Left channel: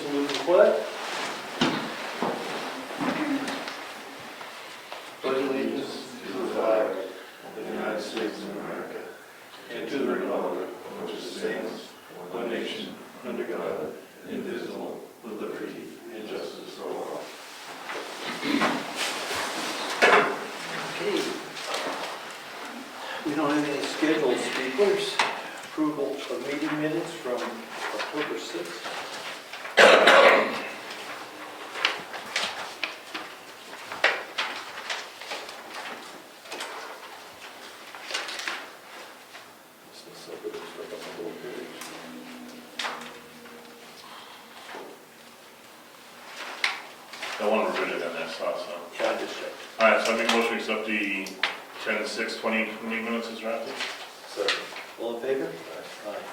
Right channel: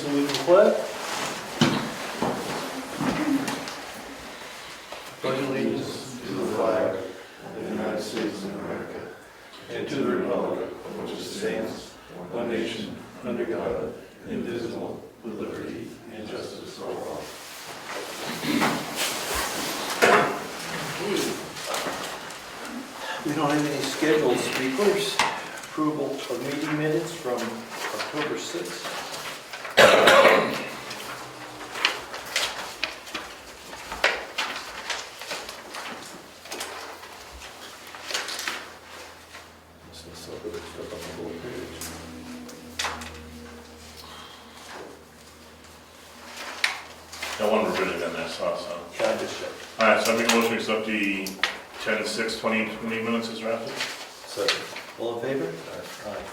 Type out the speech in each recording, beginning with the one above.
salute the flag. Pledge allegiance to the flag of the United States of America and to the republic for which it stands, one nation, under God, indivisible, with liberty and justice for all. Okay. We don't have any scheduled speakers. Approval of meeting minutes from October 6th. One revision on that, so. I just checked. All right, so I make a motion to accept the 10/6/2020 minutes as drafted. Second. All in favor? Aye.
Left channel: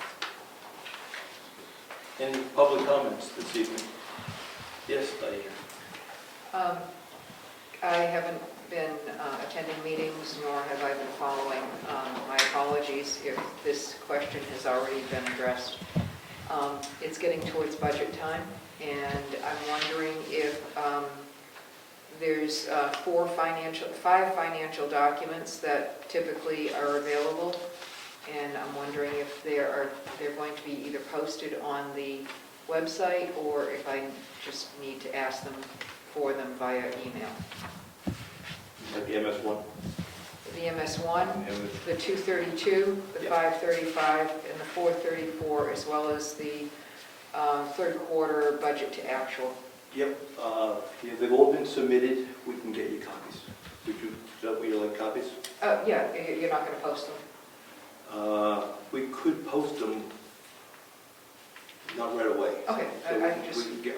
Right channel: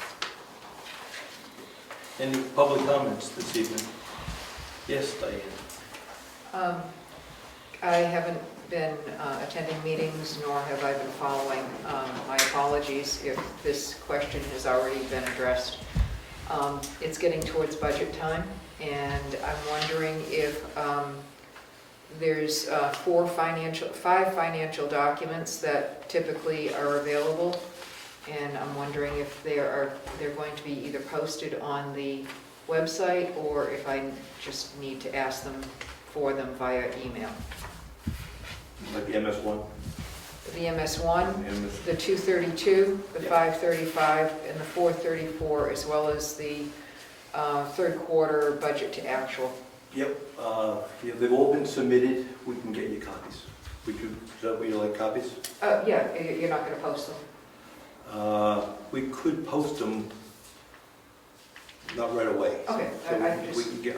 Any public comments this evening? Yes, Diane. I haven't been attending meetings, nor have I been following. My apologies if this question has already been addressed. It's getting towards budget time, and I'm wondering if there's 5 financial documents that typically are available, and I'm wondering if they're going to be either posted on the website or if I just need to ask them for them via email. Like the MS1? The MS1, the 232, the 535, and the 434, as well as the third quarter budget to actual. Yep. Yeah, they've all been submitted. We can get you copies. Is that what you like, copies? Yeah, you're not going to post them? We could post them, not right away. Okay, So I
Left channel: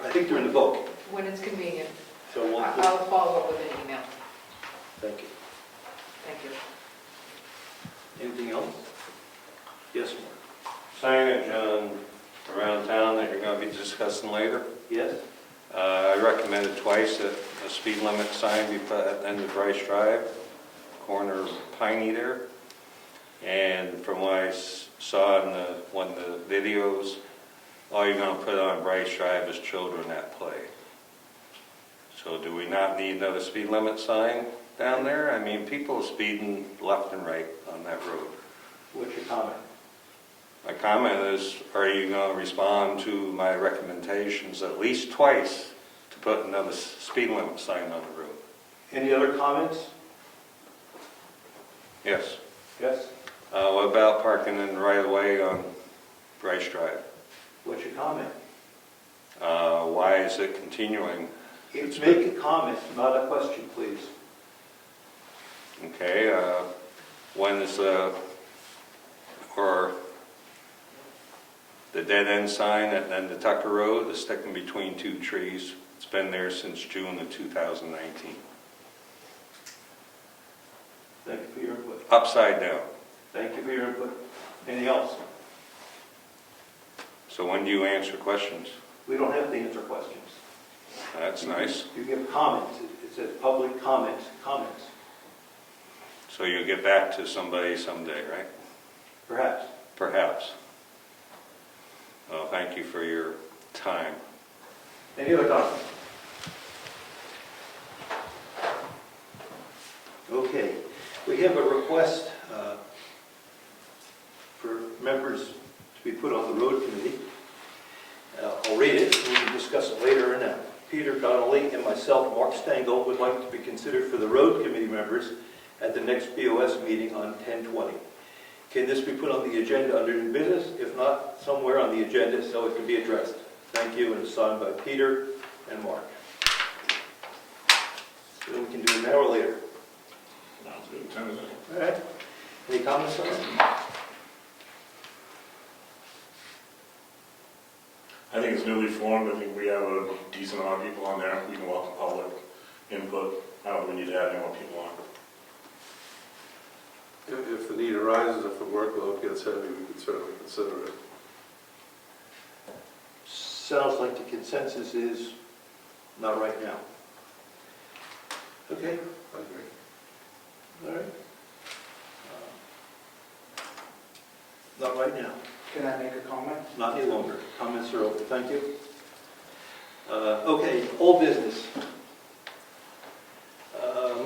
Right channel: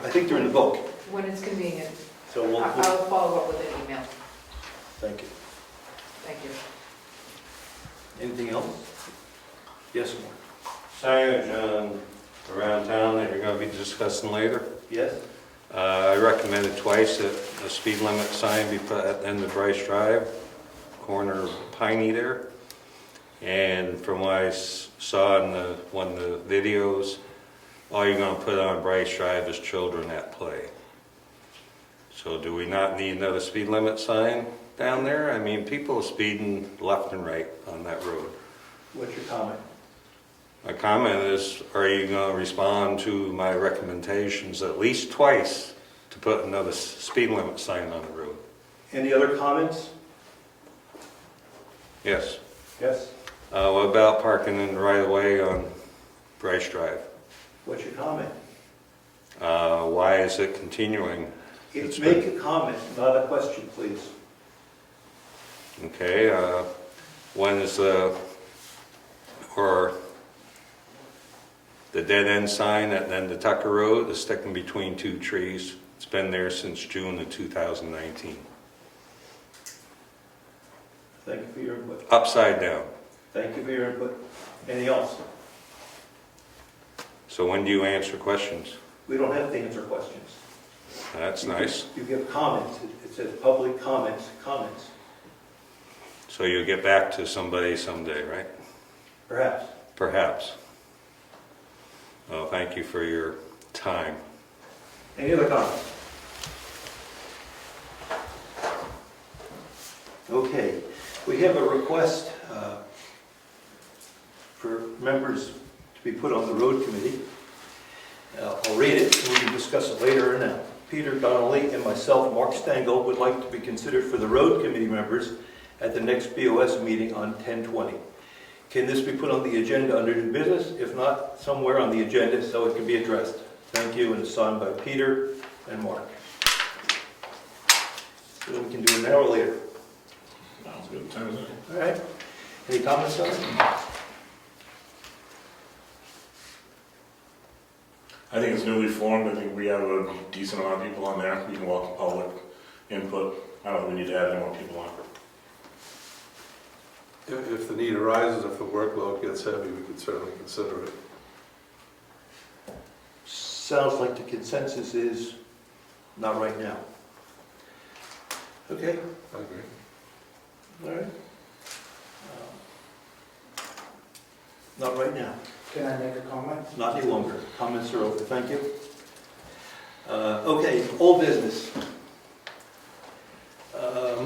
I think they're in the book. when it's convenient, So we'll. I'll follow up with an email. Thank you. Thank you. Anything else? Yes, Signage around town that you're going to be discussing later. Yes? I recommended twice that a speed limit sign be put at the end of Bryce Drive, corner of Piney there. And from what I saw in one of the videos, all you're going to put on Bryce Drive is children at play. So do we not need another speed limit sign down there? I mean, people are speeding left and right on that road. What's your comment? My comment is, are you going to respond to my recommendations at least twice to put another speed limit sign on the road? Any other comments? Yes. Yes? What about parking in the right of way on Bryce Drive? What's your comment? Why is it continuing? Make a comment, not a question, please. Okay, when is the dead end sign at the end of Tucker Road is sticking between 2 trees? It's been there since June of 2019. Thank you for your input. Upside down. Thank you for your input. Anything else? So when do you answer questions? We don't have to answer questions. That's nice. You give comments. It says public comments. So you'll get back to somebody someday, right? Perhaps. Perhaps. Well, thank you for your time. Any other comments? Okay. We have a request for members to be put on the road committee. I'll read it and we can discuss it later or now. Peter Donnelly and myself, Mark Stengel, would like to be considered for the road committee members at the next BOS meeting on 10/20. Can this be put on the agenda under new business? If not, somewhere on the agenda so it can be addressed. Thank you, and it's signed by Peter and Mark. So we can do it now or later. Sounds good. 10 is it? All right. Any comments on it? I think it's newly formed. I think we have a decent amount of people on there. We can welcome public input. I don't think we need to add any more people on. If the need arises, if the workload gets heavy, we could certainly consider it. Sounds like the consensus is not right now. Okay. I agree. All right. Not right now. Can I make a comment? Not any longer. Comments are over. Thank you. Okay, old business.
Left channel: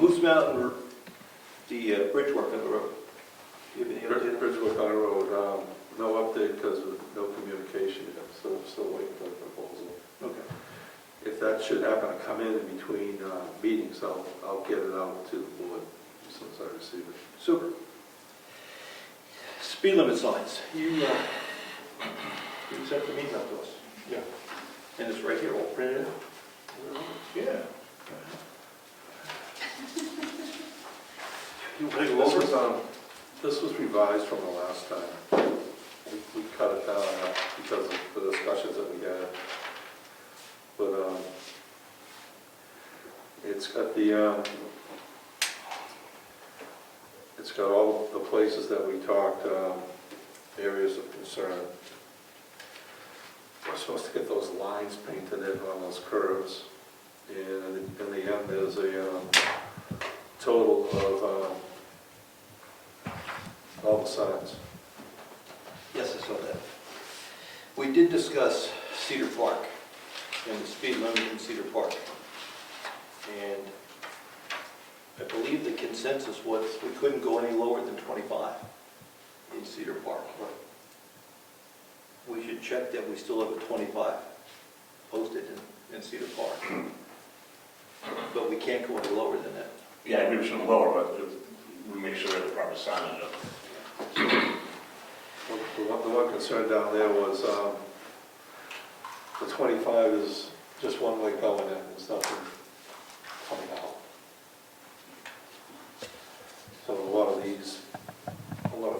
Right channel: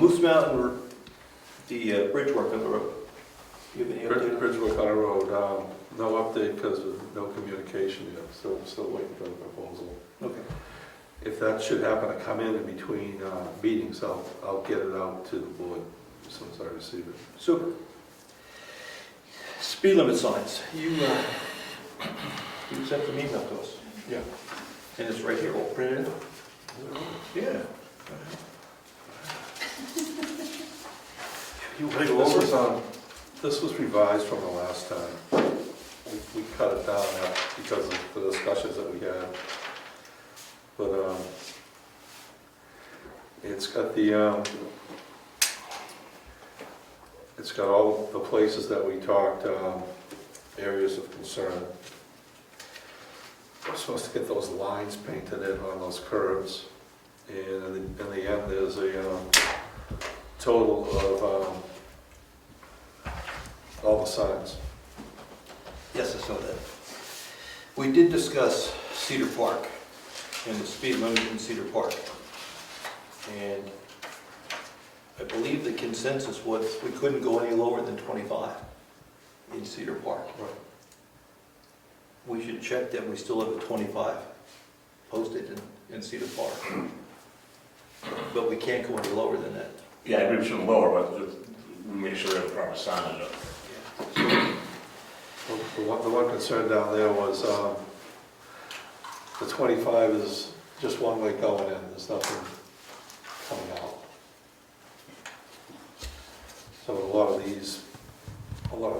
Moose Mountain, the bridge work on the road. Do you have any update? Bridgewood High Road, no update because of no communication yet, so still waiting for the proposal. Okay. If that should happen to come in between meetings, I'll get it out to the board as soon as I receive it. Super. Speed limit signs. You sent the email to us. Yeah. And it's right here, all printed. Yeah. You want to go over it? This was revised from the last time. We cut it down because of the discussions that we had. But it's got all the places that we talked, areas of concern. We're supposed to get those lines painted in on those curves. And in the end, there's a total of all the signs. Yes, I saw that. We did discuss Cedar Park and the speed limit in Cedar Park. And I believe the consensus was we couldn't go any lower than 25 in Cedar Park. We should check that we still have a 25 posted in Cedar Park. But we can't go any lower than that. Yeah, I agree we shouldn't lower, but we make sure we have the proper signage up. The one concern down there was the 25 is just one way going in, there's nothing coming out. So a lot of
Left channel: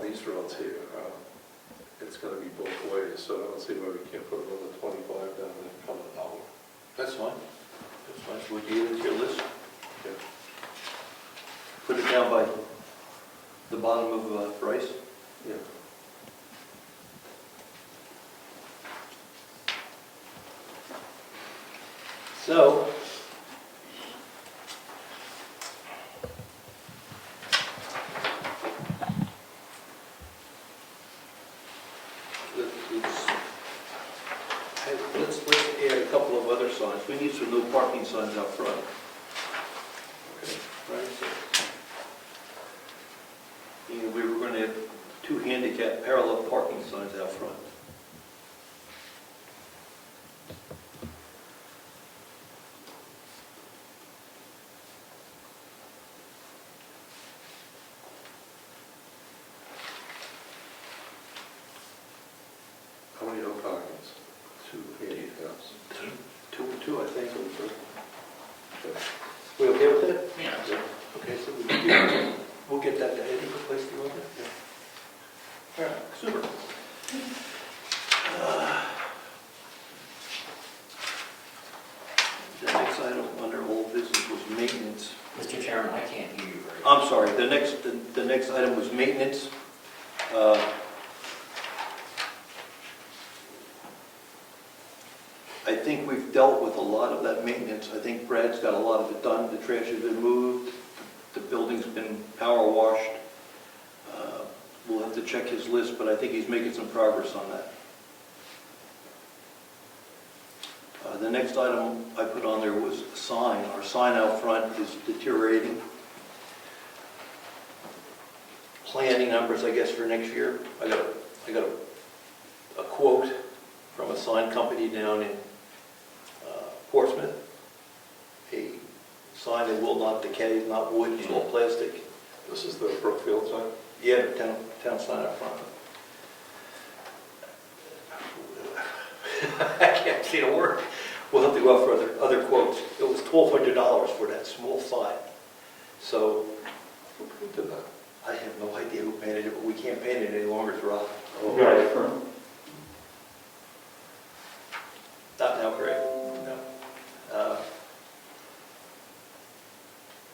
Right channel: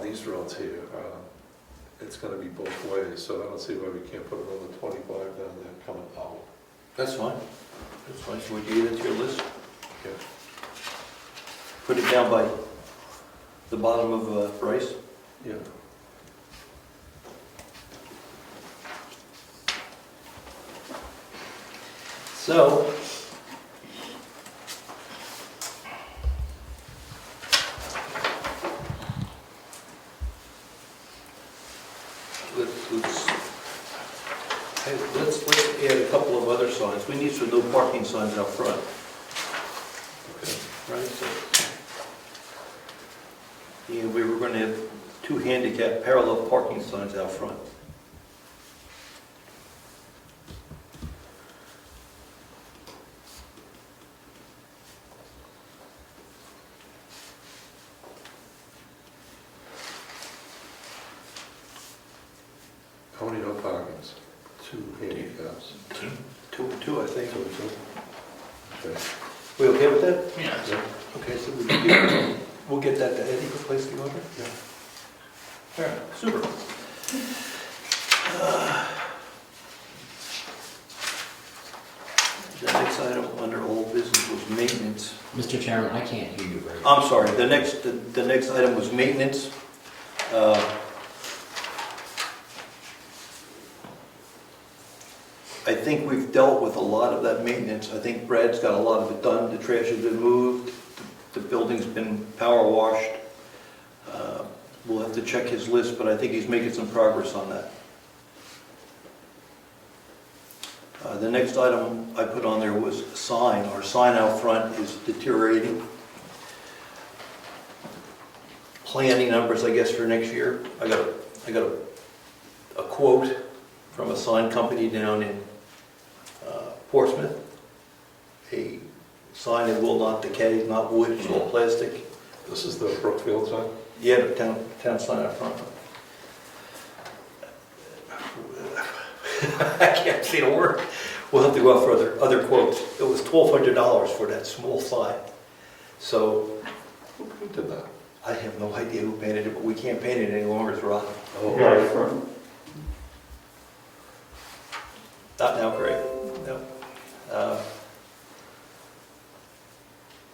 these roads here, it's going to be both ways, so I don't see why we can't put another 25 down there coming out. That's fine. That's fine. Should we add it to your list? Yeah. Put it down by the bottom of Bryce. Yeah. So, let's add a couple of other signs. We need some no parking signs out front. Okay. Right? And we were going to have 2 handicap parallel parking signs out front. How many no parkings? 2 handicaps. Two, I think. Okay. We okay with that? Yeah. Okay, so we'll get that to Eddie for place the order? Yeah. All right, super. The next item under old business was maintenance. Mr. Chairman, I can't hear you very I'm sorry, the next item was maintenance. I think we've dealt with a lot of that maintenance. I think Brad's got a lot of it done. The trash has been moved, the building's been power washed. We'll have to check his list, but I think he's making some progress on that. The next item I put on there was a sign. Our sign out front is deteriorating. Planning numbers, I guess, for next year. I got a quote from a sign company down in Portsmouth. A sign that will not decay, not wood, it's all plastic. This is the Brookfield sign? Yeah, the town sign out front. I can't say a word. We'll have to go out for other quotes. It was $1,200 for that small sign. So Who did that? I have no idea who painted it, but we can't paint it any longer, it's rotten. Oh, Not now, Greg. No.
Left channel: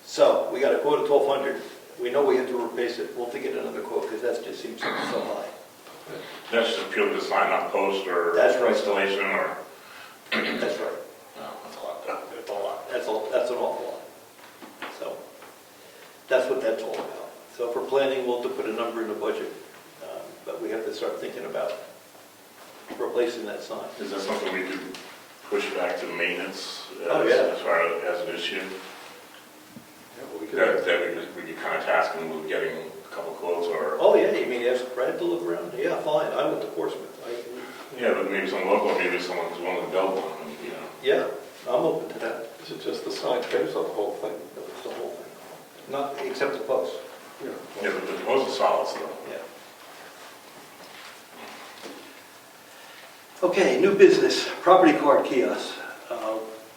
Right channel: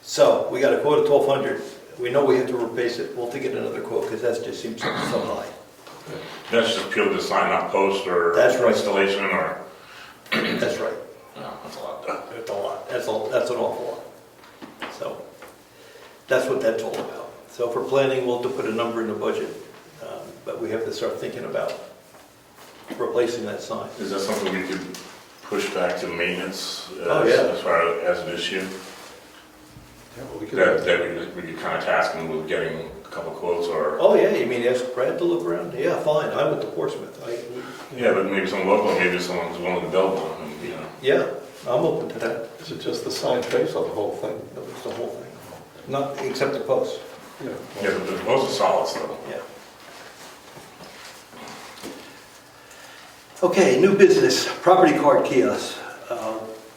So we got a quote of $1,200. We know we have to replace it. We'll have to get another quote because that just seems so high. That's just peel the sign, not post or That's right. installation or, That's right. oh, that's a lot done. It's a lot. That's an awful lot. So that's what that's all about. So for planning, we'll have to put a number in the budget, but we have to start thinking about replacing that sign. Is that something we could pushed back to maintenance Oh, yeah. as far as an issue. Yeah, well, we could, That we could kind of task them with getting a couple quotes or, Oh, yeah, you mean ask Brad to look around? Yeah, fine, I went to Portsmouth. yeah, but maybe some local, maybe someone's willing to build one, and, you know. Yeah, I'm open to that. is it just the sign face on the whole thing? That was the whole thing. Not, except the posts. Yeah. Yeah, but the most is solid still. Yeah. Okay, new business, property card kiosks.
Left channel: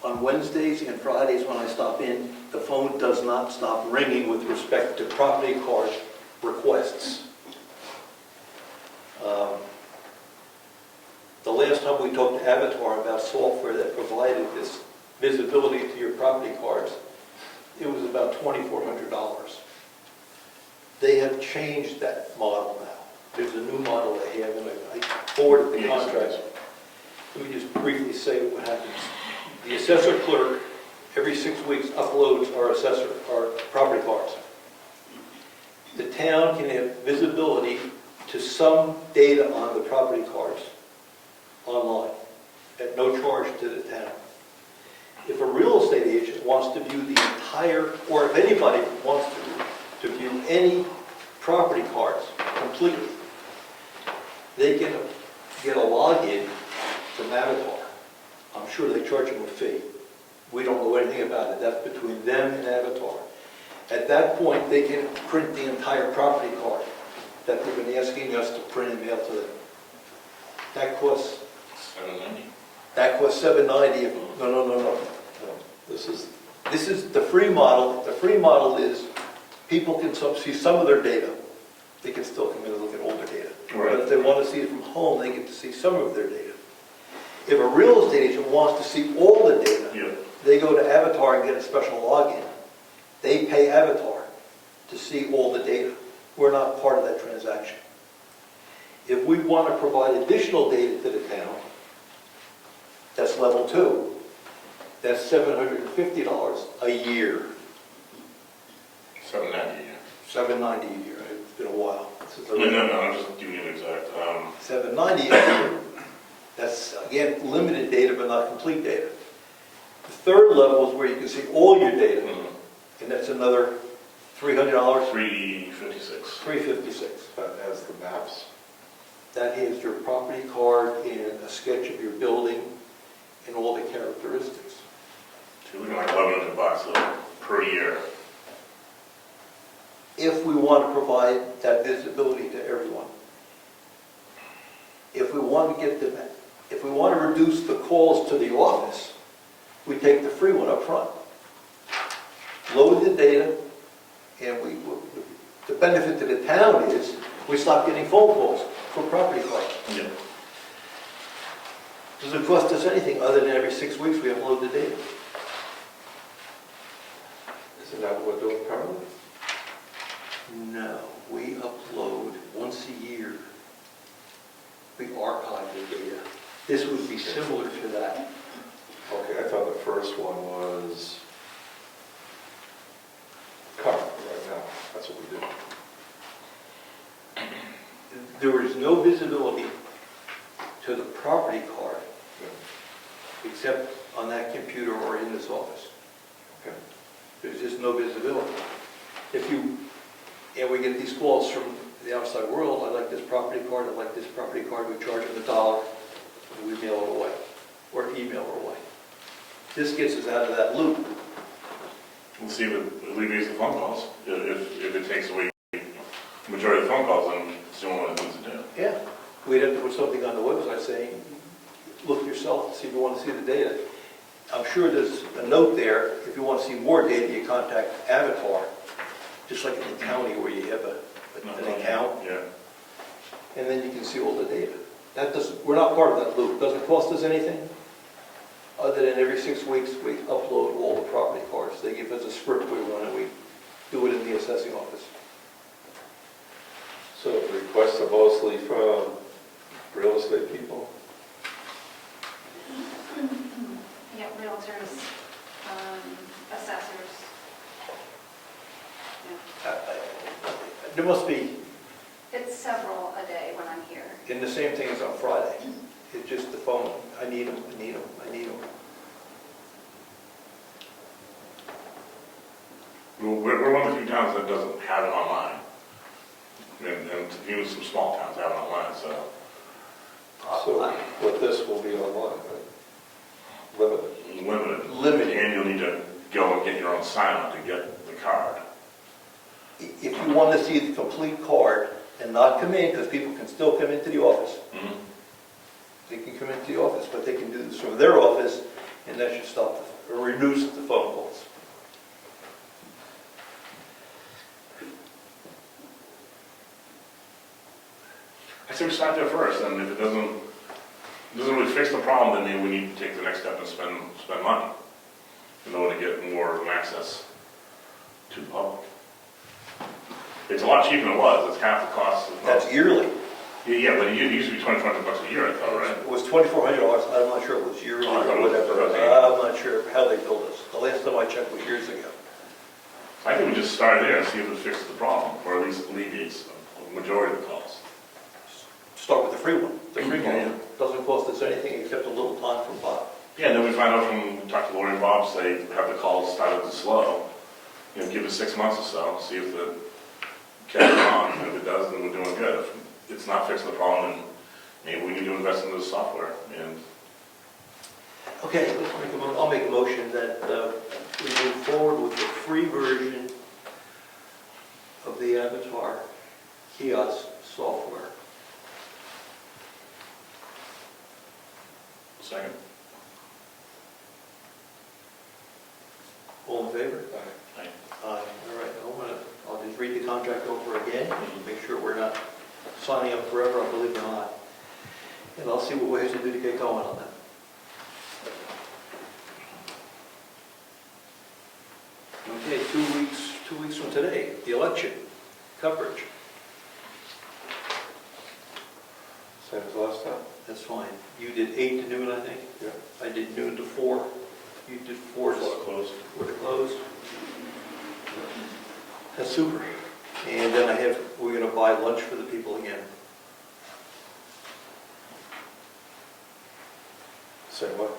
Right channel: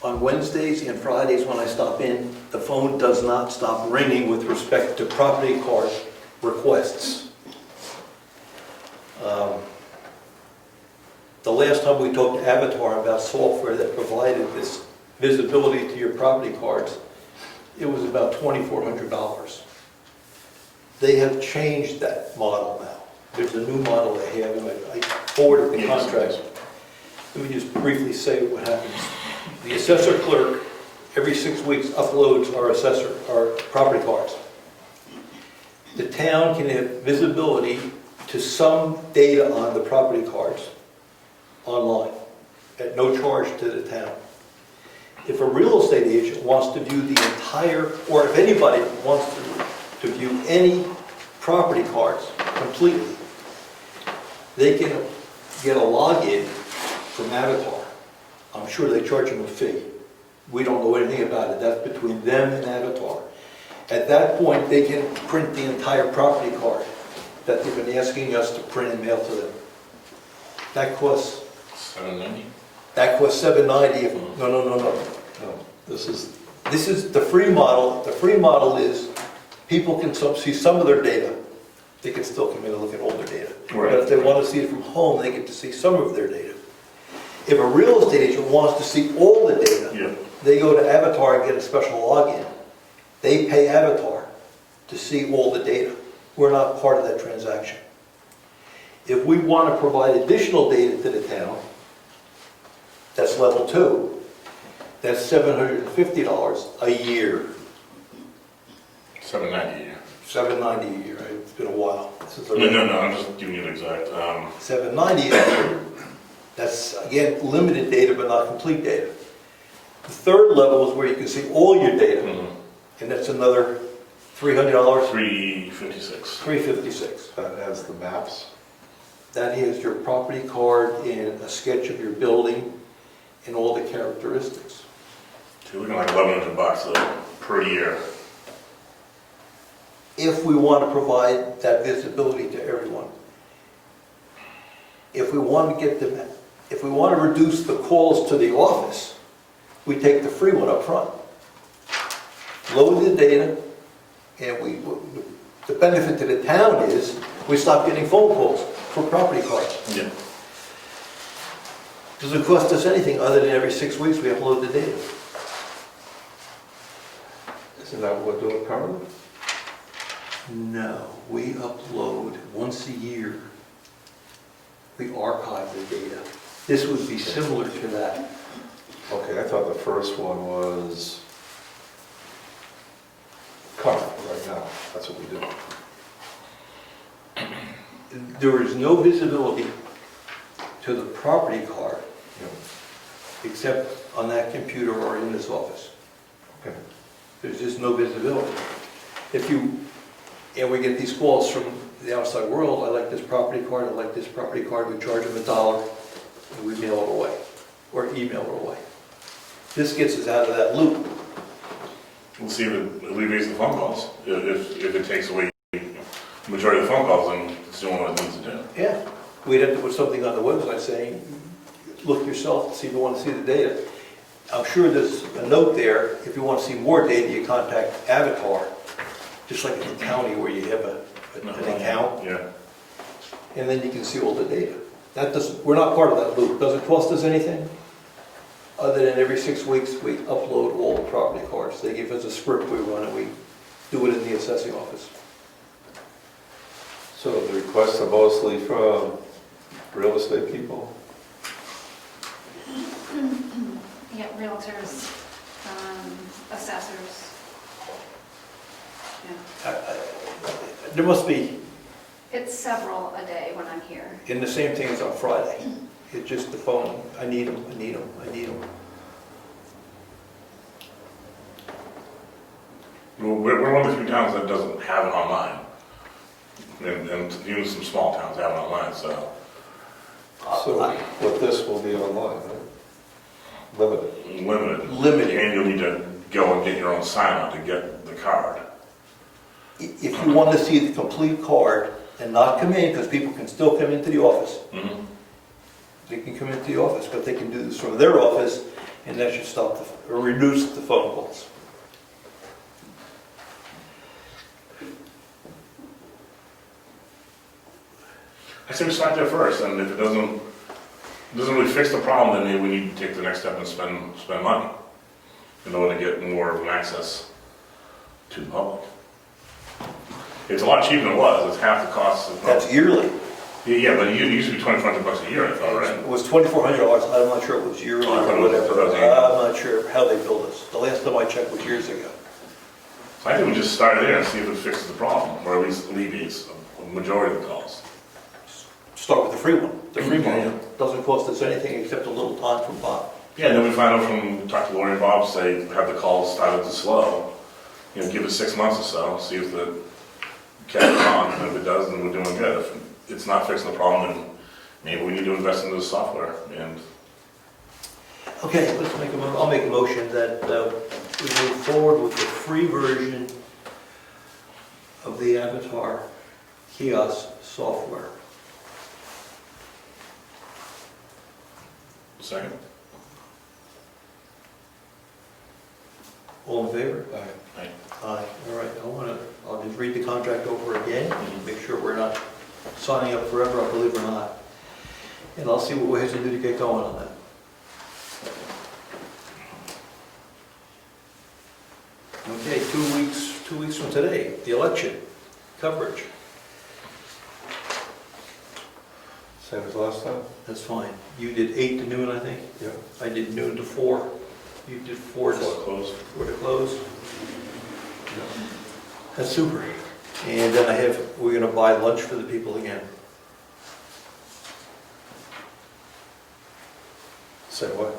On Wednesdays and Fridays when I stop in, the phone does not stop ringing with respect to property card requests. The last time we talked to Avatar about software that provided this visibility to your property cards, it was about $2,400. They have changed that model now. There's a new model they have, and I forwarded the contract. Let me just briefly say what happens. The assessor clerk, every 6 weeks, uploads our property cards. The town can have visibility to some data on the property cards online at no charge to the town. If a real estate agent wants to view the entire, or if anybody wants to view any property cards completely, they can get a login from Avatar. I'm sure they charge them a fee. We don't know anything about it. That's between them and Avatar. At that point, they can print the entire property card that they've been asking us to print and mail to them. That costs $790. $790. No. This is the free model. The free model is people can see some of their data. They can still come in and look at older data. Right. But if they want to see it from home, they get to see some of their data. If a real estate agent wants to see all the data, Yeah. they go to Avatar and get a special login. They pay Avatar to see all the data. We're not part of that transaction. If we want to provide additional data to the town, that's level 2. That's $750 a year. $790. $790 a year. It's been a while since I No, I'm just giving you the exact, $790 a year. That's, again, limited data, but not complete data. The third level is where you can see all your data, and that's another $300, $356. $356. That has the maps. That is your property card and a sketch of your building and all the characteristics. So we're looking like $1,100 though, per year. If we want to provide that visibility to everyone. If we want to get them, if we want to reduce the calls to the office, we take the free one up front. Load the data, and the benefit to the town is we stop getting phone calls for property cards. Yeah. Doesn't cost us anything other than every 6 weeks we upload the data. Isn't that what we're doing currently? No, we upload once a year. We archive the data. This would be similar to that. Okay, I thought the first one was current right now. That's what we do. There is no visibility to the property card Yeah. except on that computer or in this office. Okay. There's just no visibility. And we get these calls from the outside world, I like this property card, I like this property card, we charge them $1, and we mail it away, or email it away. This gets us out of that loop. We'll see if it alleviates the phone calls. If it takes away the majority of the phone calls, then it's doing what it needs to do. Yeah, we'd have to put something on the website saying, look yourself, see if you want to see the data. I'm sure there's a note there, if you want to see more data, you contact Avatar, just like in the county where you have an account, Yeah. and then you can see all the data. We're not part of that loop. Doesn't cost us anything, other than every 6 weeks we upload all the property cards. They give us a script we run, and we do it in the assessing office. So the requests are mostly from real estate people? Yeah, realtors, assessors. Yeah. There must be, It's several a day when I'm here. and the same thing is on Friday. It's just the phone, I need them, I need them, I need them. Well, we're one of the few towns that doesn't have it online. And even some small towns have it online, so. So with this will be online, right? Limited. Limited. And you'll need to go and get your own sign on to get the card. If you want to see the complete card and not come in, because people can still come into the office, they can come into the office, but they can do this from their office, and that should stop or reduce the phone calls. I say we start there first, and if it doesn't really fix the problem, then maybe we need to take the next step and spend money in order to get more of an access to the public. It's a lot cheaper than it was. It's half the cost of. That's yearly. Yeah, but it used to be $2,400 a year, I thought, right? It was $2,400, I'm not sure it was yearly Oh, I thought or it was whatever. $1,000. I'm not sure how they billed us. The last time I checked was years ago. So I think we just start there and see if it fixes the problem, or at least alleviates a majority of the calls. Start with the free one. The free Yeah. one doesn't cost us anything except a little time from Bob. Yeah, and then we find out from, talk to Lori and Bob, say, have the calls started to slow. Give it 6 months or so, see if the catches on, and if it does, then we're doing good. If it's not fixing the problem, then maybe we need to invest into the software. And Okay, I'll make a motion that we move forward with the free version of the Avatar Kiosk software. second? All in favor? Aye. Aye. All right, I'll just read the contract over again, make sure we're not signing up forever, I believe or not. And I'll see what we have to do to get going on that. Okay, 2 weeks from today, the election coverage. Same as last time? That's fine. You did 8 to noon, I think? Yeah. I did noon to 4. You did 4 to Before it closed. 4 to close. That's super. And then we're gonna buy lunch for the people again. Say what?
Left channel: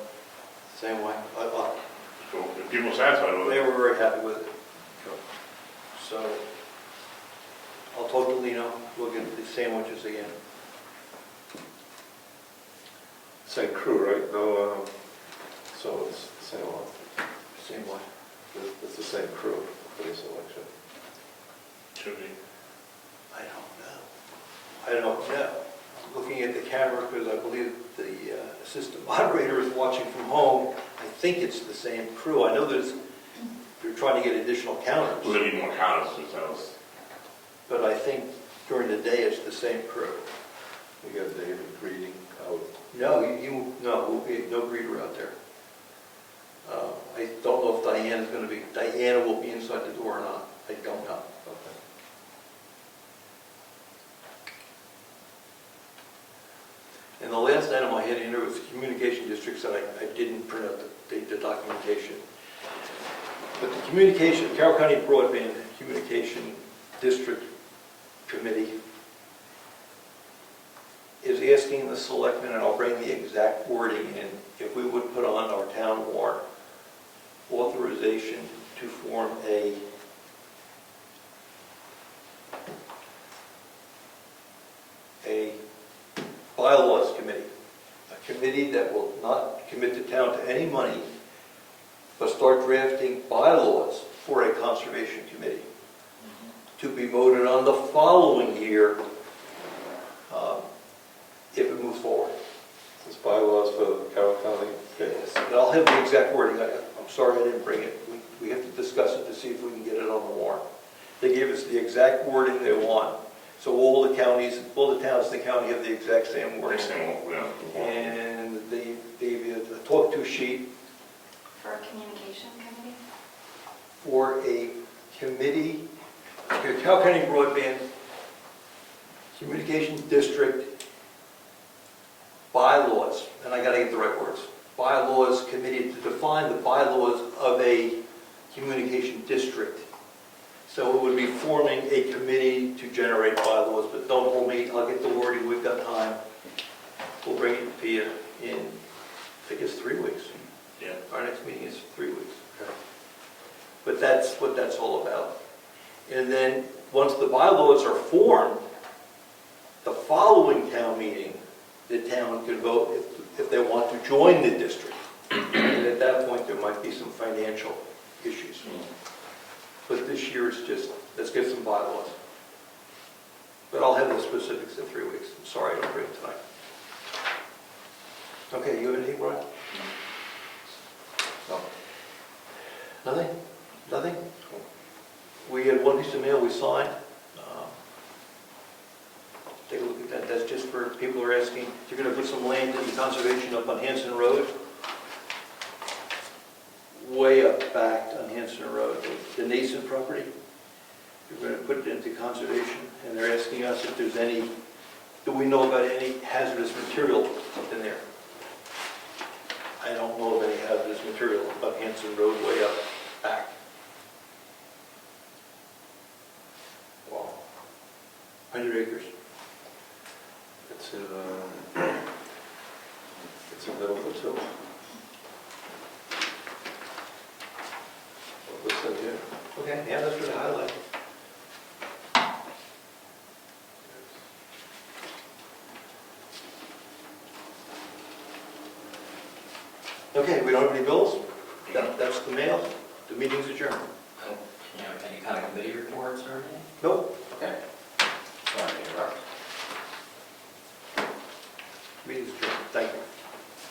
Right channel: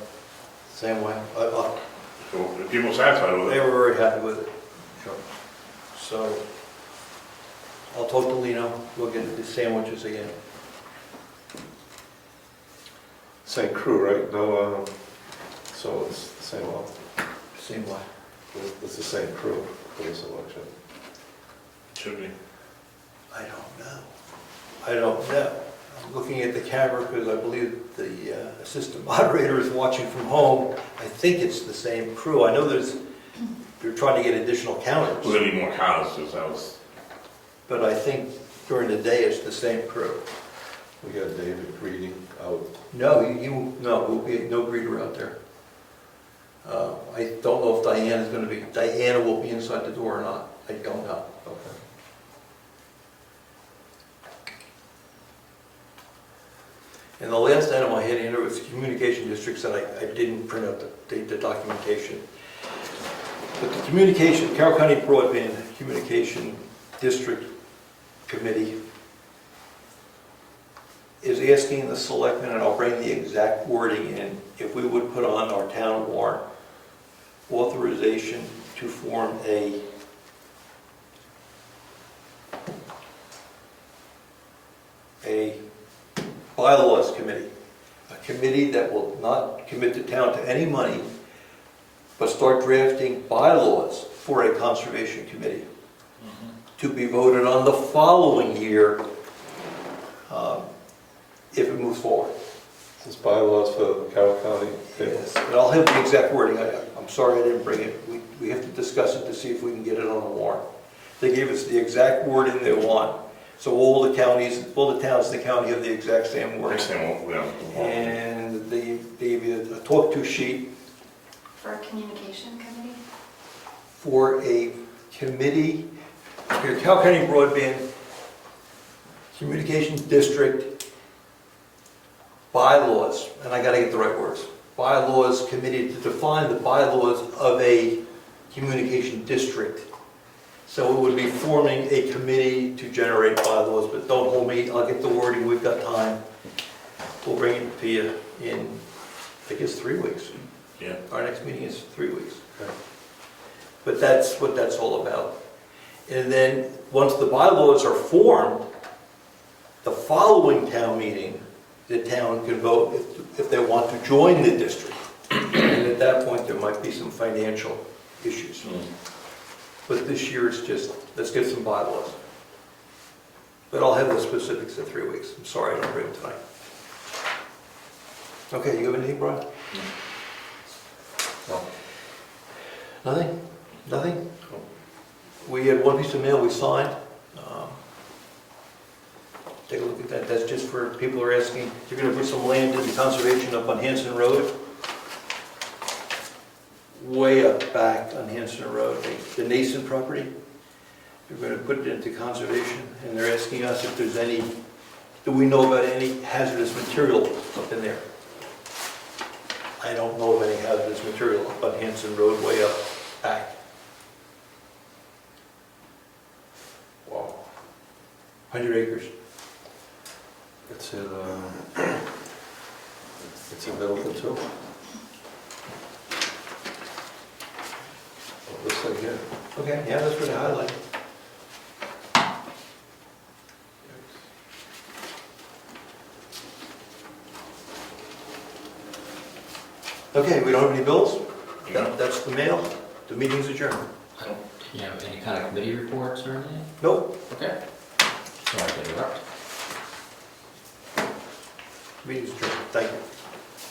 Same way. So if people are satisfied with They it, were very happy with it. So I'll talk to Lino. We'll get the sandwiches again. Same crew, right? No, so it's the same one. Same way. It's the same crew for this election. should be. I don't know. I'm looking at the camera because I believe the assistant moderator is watching from home. I think it's the same crew. I know they're trying to get additional counters, We're gonna need more counters, because that was, but I think during the day it's the same crew. We got David greeting out. No, we'll be no greeter out there. I don't know if Diana will be inside the door or not. I don't know. Okay. And the last item I had in there was communication districts that I didn't print out the documentation. But the Carroll County Broadband Communication District Committee is asking the selectmen, and I'll bring the exact wording in, if we would put on our town warrant authorization to form a bylaws committee, a committee that will not commit the town to any money, but start drafting bylaws for a conservation committee to be voted on the following year if it moves forward. This bylaws for Carroll County. Yes, and I'll have the exact wording. I'm sorry I didn't bring it. We have to discuss it to see if we can get it on the warrant. They gave us the exact wording they want. So all the towns in the county have the exact same wording. And they gave you a talk-to sheet For a communication committee? for a committee, the Carroll County Broadband Communications District bylaws, and I gotta get the right words, bylaws committee to define the bylaws of a communication district. So it would be forming a committee to generate bylaws, but don't hold me, I'll get the wording, we've got time. We'll bring it to you in, I think it's 3 weeks. Yeah. Our next meeting is 3 weeks. Okay. But that's what that's all about. And then, once the bylaws are formed, the following town meeting, the town can vote if they want to join the district. And at that point, there might be some financial issues. But this year, it's just, let's get some bylaws. But I'll have the specifics in 3 weeks. I'm sorry I didn't bring them tonight. Okay, you have anything, Brian? No. Nothing? Nothing? We had one piece of mail we signed. Take a look at that. That's just for people who are asking. You're going to put some land into conservation up on Hanson Road. Way up back on Hanson Road, the Nason property. We're going to put it into conservation, and they're asking us if there's any, do we know about any hazardous material up in there? I don't know of any hazardous material up on Hanson Road, way up back. Wow. 100 acres. It's in Middleton too. Oh, this thing here. Okay, yeah, that's for the highlight. Okay, we don't have any bills? That's the mail. The meeting's adjourned. You know, any kind of committee reports or anything? Nope, Okay. Sorry to interrupt. meeting's adjourned. Thank you.